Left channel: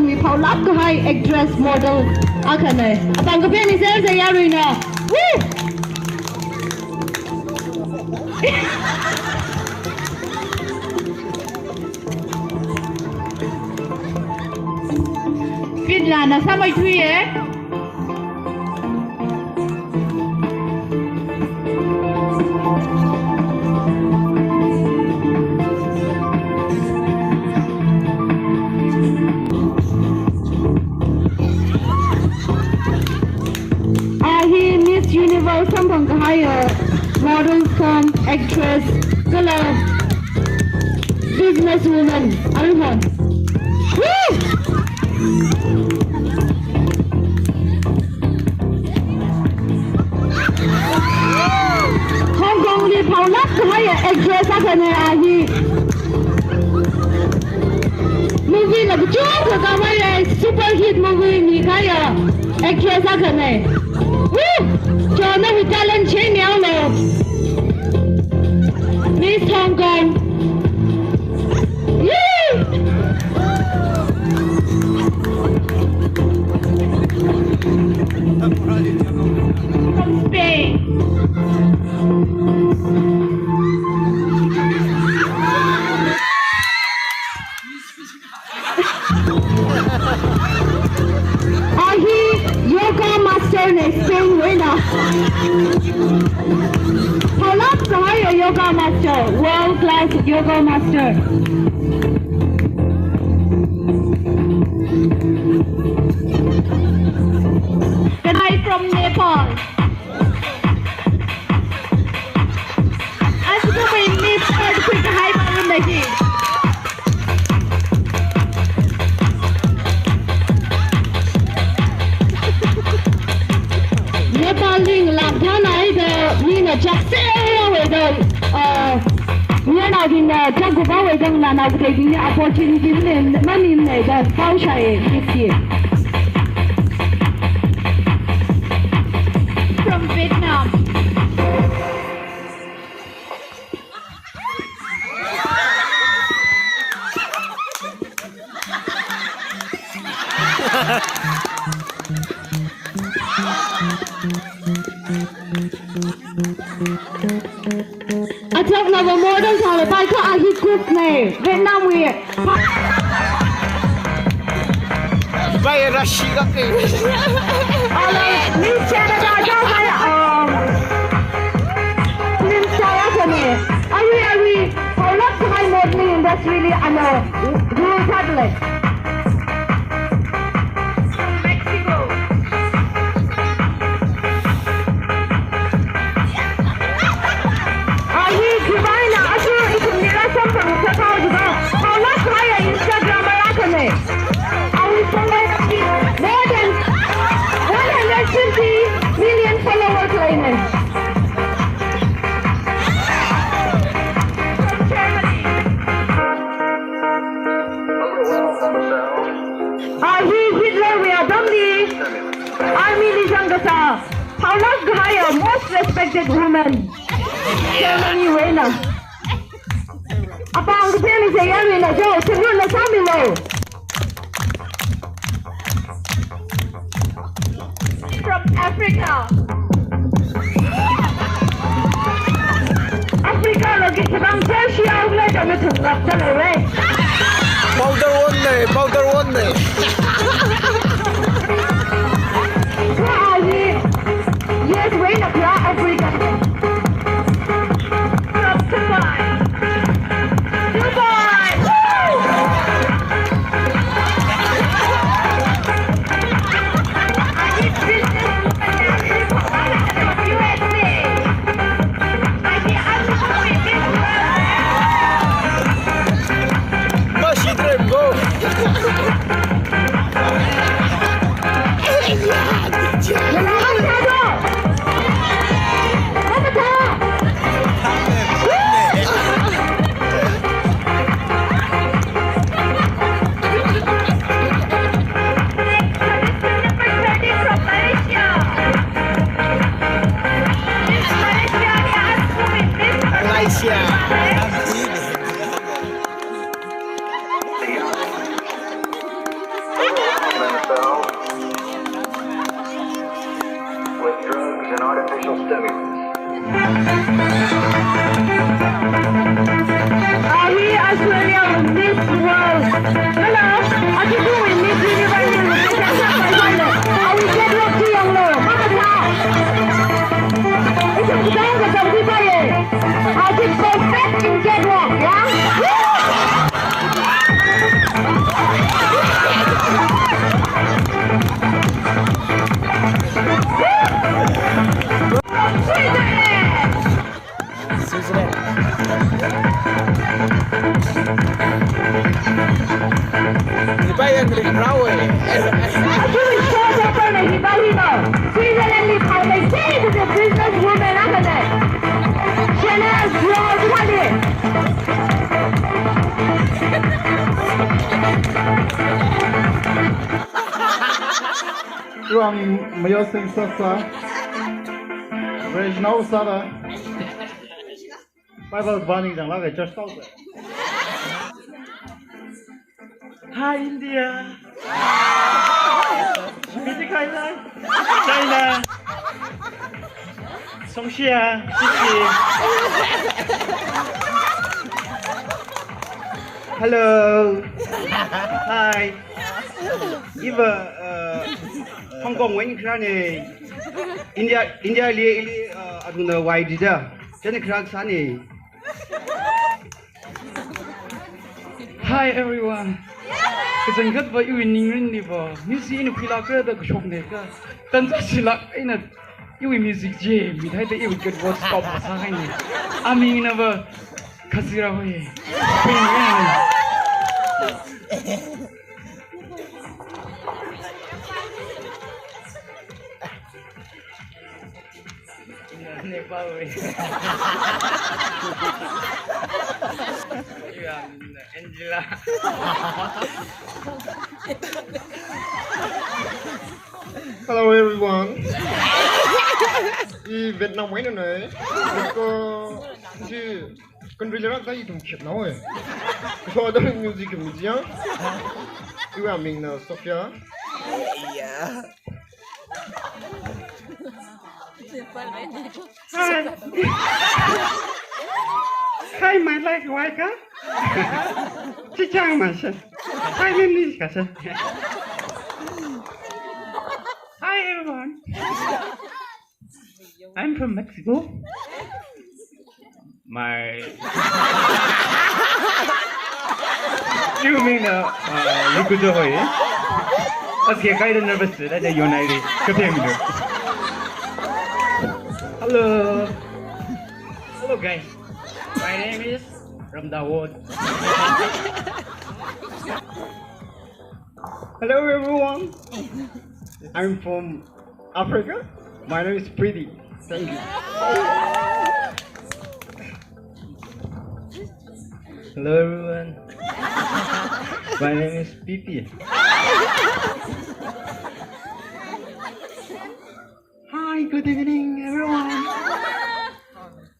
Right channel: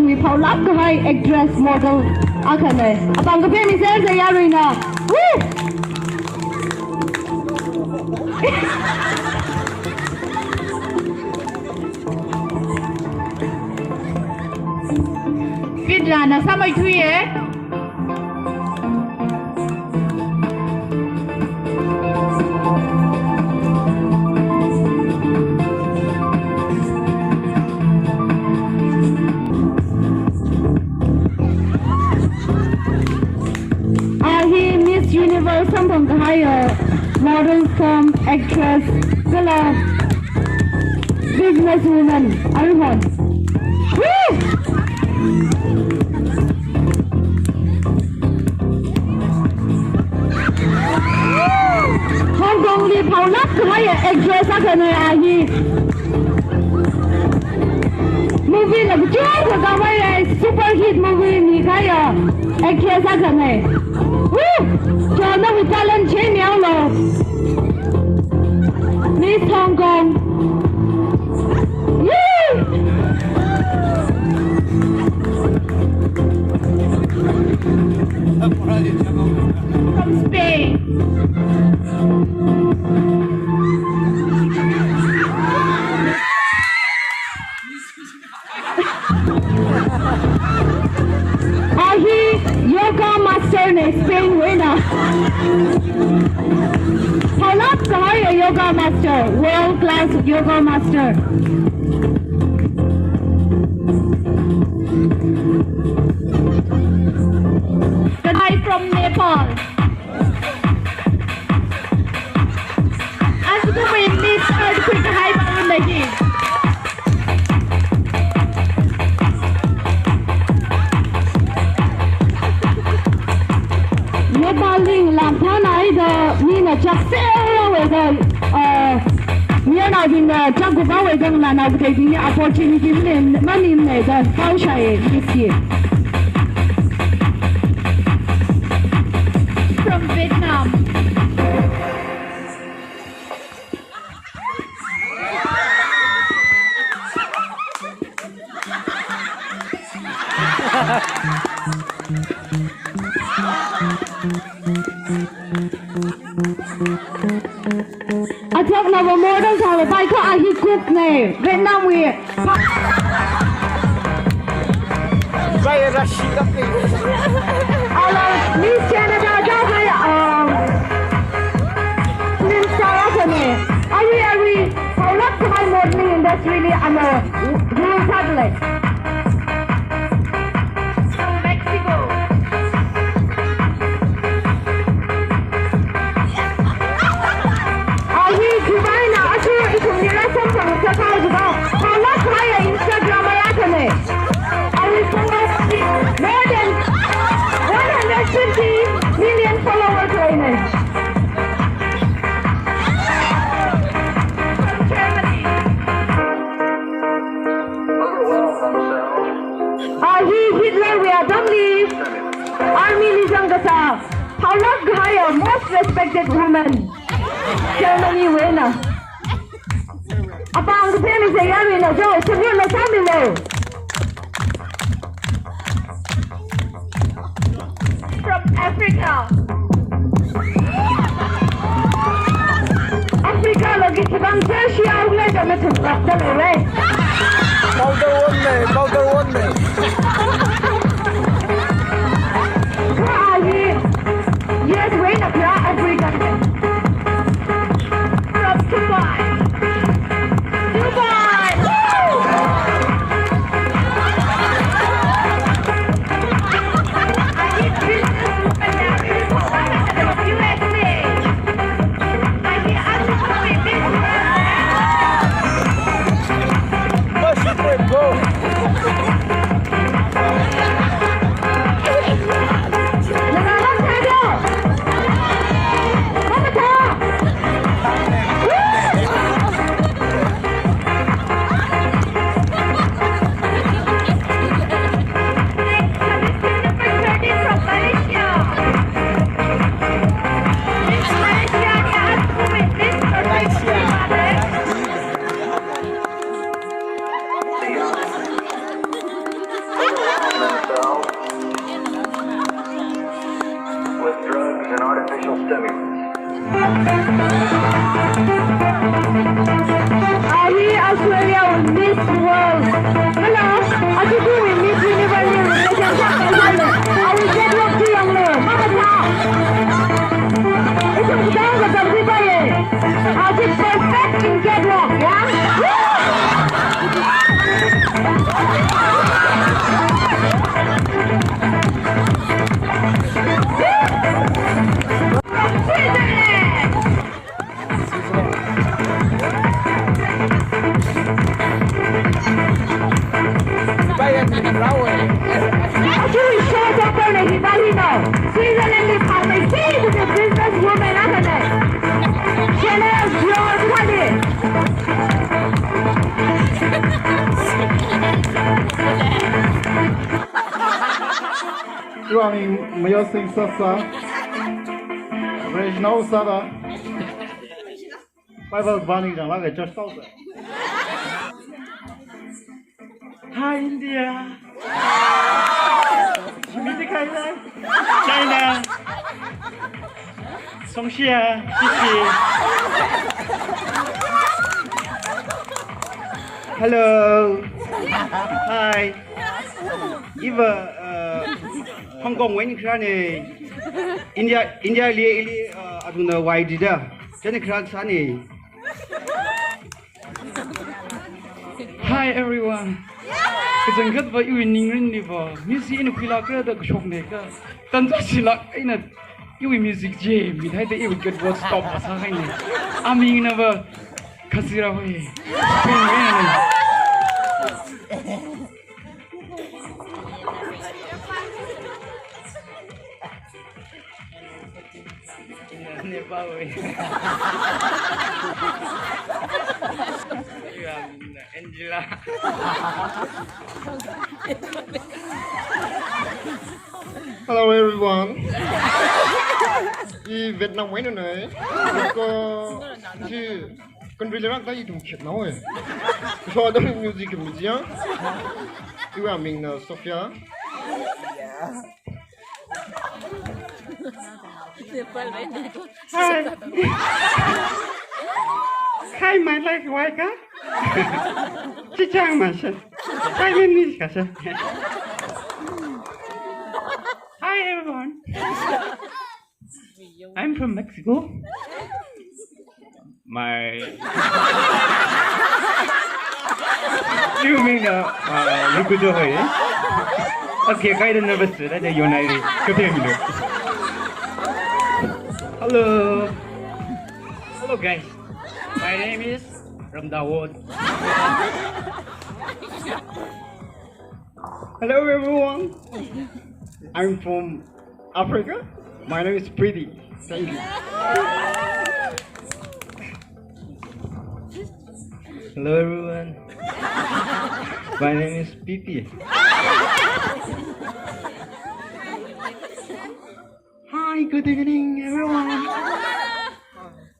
women we call up the high actress model akane abang kape ni se se ya roina woo fit la na sa mai thui model from actress girl businesswoman Arhon Hong Kong đi phao lắp cái actress cái này à gì movie là cái chuyện của các bạn super hit movie gì cái actress cái này cho nó bị talent chế nhau rồi Miss Hong Kong from Spain yoga master này Spain với nào How love to hire yoga master, world class yoga master. The guy from Nepal. As you can miss earthquake high mountain lagi. Nepal ding làm thế này giờ như là chắc sẽ rồi giờ như nào thì là trong cuộc bảo vệ dân là này cái gì opportunity nên nó nhìn này giờ cao chạy cái gì from Vietnam chắc là một mối đơn giản là tay có ai đi cook này Việt Nam người vậy là gì đó kì đi chơi là ra cho hay nên sao á cái này ari how love to my modeling industry really I'm a rural public Mexico more than 150 million followers lineage. Hitler we are Domni Army Nijangasa. How love to hire most respected women. Germany winner. Abang the family say Arena Joe to run the family. From Africa. Africa lagi sebang Asia ulah jangan cakap terlalu. Powder one này. Where are you? Yes, wait up, Africa. From Dubai. Dubai. drugs, and artificial stimulants. Are we Australia Miss World? Hello, are you doing Miss Universe? Are we get rock to young low? Mama Tao. It's a song that I'm going Are you perfect in get rock, yeah? Dibayar dari perahu eh. Switzerland is how they say to the businesswoman, isn't it? Chanel, George, what is? Ruang Mayosing Sasa, Regional Sada, Bible Banning and Laga just out there. Hi India, China, Songxia, Xixi. Hello, hi. Eva, Hong Kong when you India really I don't know why did that. Jenny Crack Sunny. Hi everyone. It's a good for you in England. You see in a Pilaka the Shopmaker. Tanzashila in a you music jam. We had the you get what stop or something. I mean, never Kasira way. Nepal way. Angela. Hello everyone. Đi Việt Nam mấy nữa này, có chứ con bây giờ đang thấy cũng chịu nói, có đó mình music cũng gì á, yêu à mình là Sophia. Hi. Hi, my life wife. Chị Trang mà sao? Hi, lên đi cả sao? Hi everyone. I'm from Mexico. My. You mean you could go away? Okay, kind of nervous. That's a United. Hello. Hello guys. My name is Ramdawod. Hello everyone. I'm from Africa. My name is Pretty. Thank you. Hello everyone. My name is Pipi. Hi, good evening everyone.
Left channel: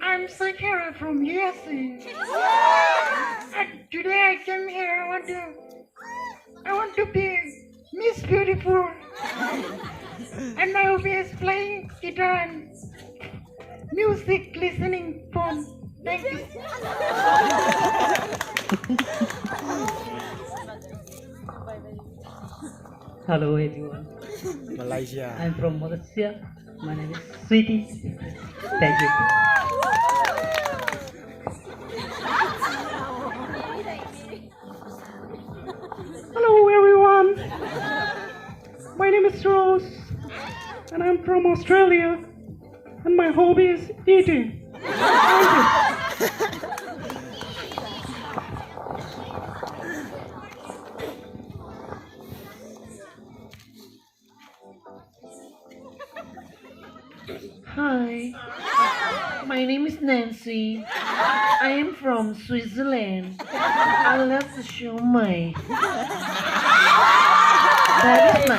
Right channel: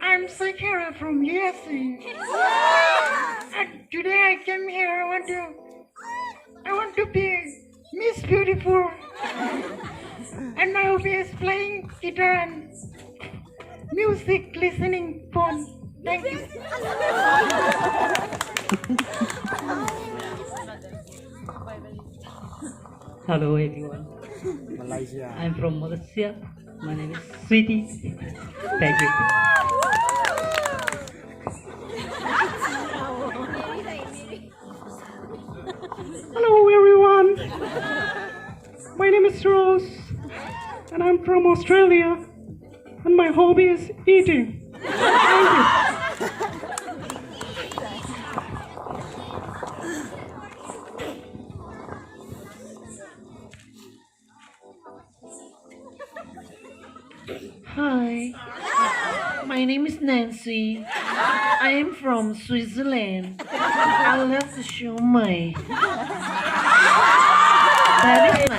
I'm Sakara from USA. And today I came here. I want to be Miss Beautiful. And my hobby is playing guitar and music listening phone. Thank you. Hello everyone. Malaysia. I'm from Malaysia. My name is Sweetie. Thank you. Hello everyone. My name is Rose. And I'm from Australia. And my hobby is eating. Thank you. Hi, my name is Nancy. I am from Switzerland. I love the show my. That is my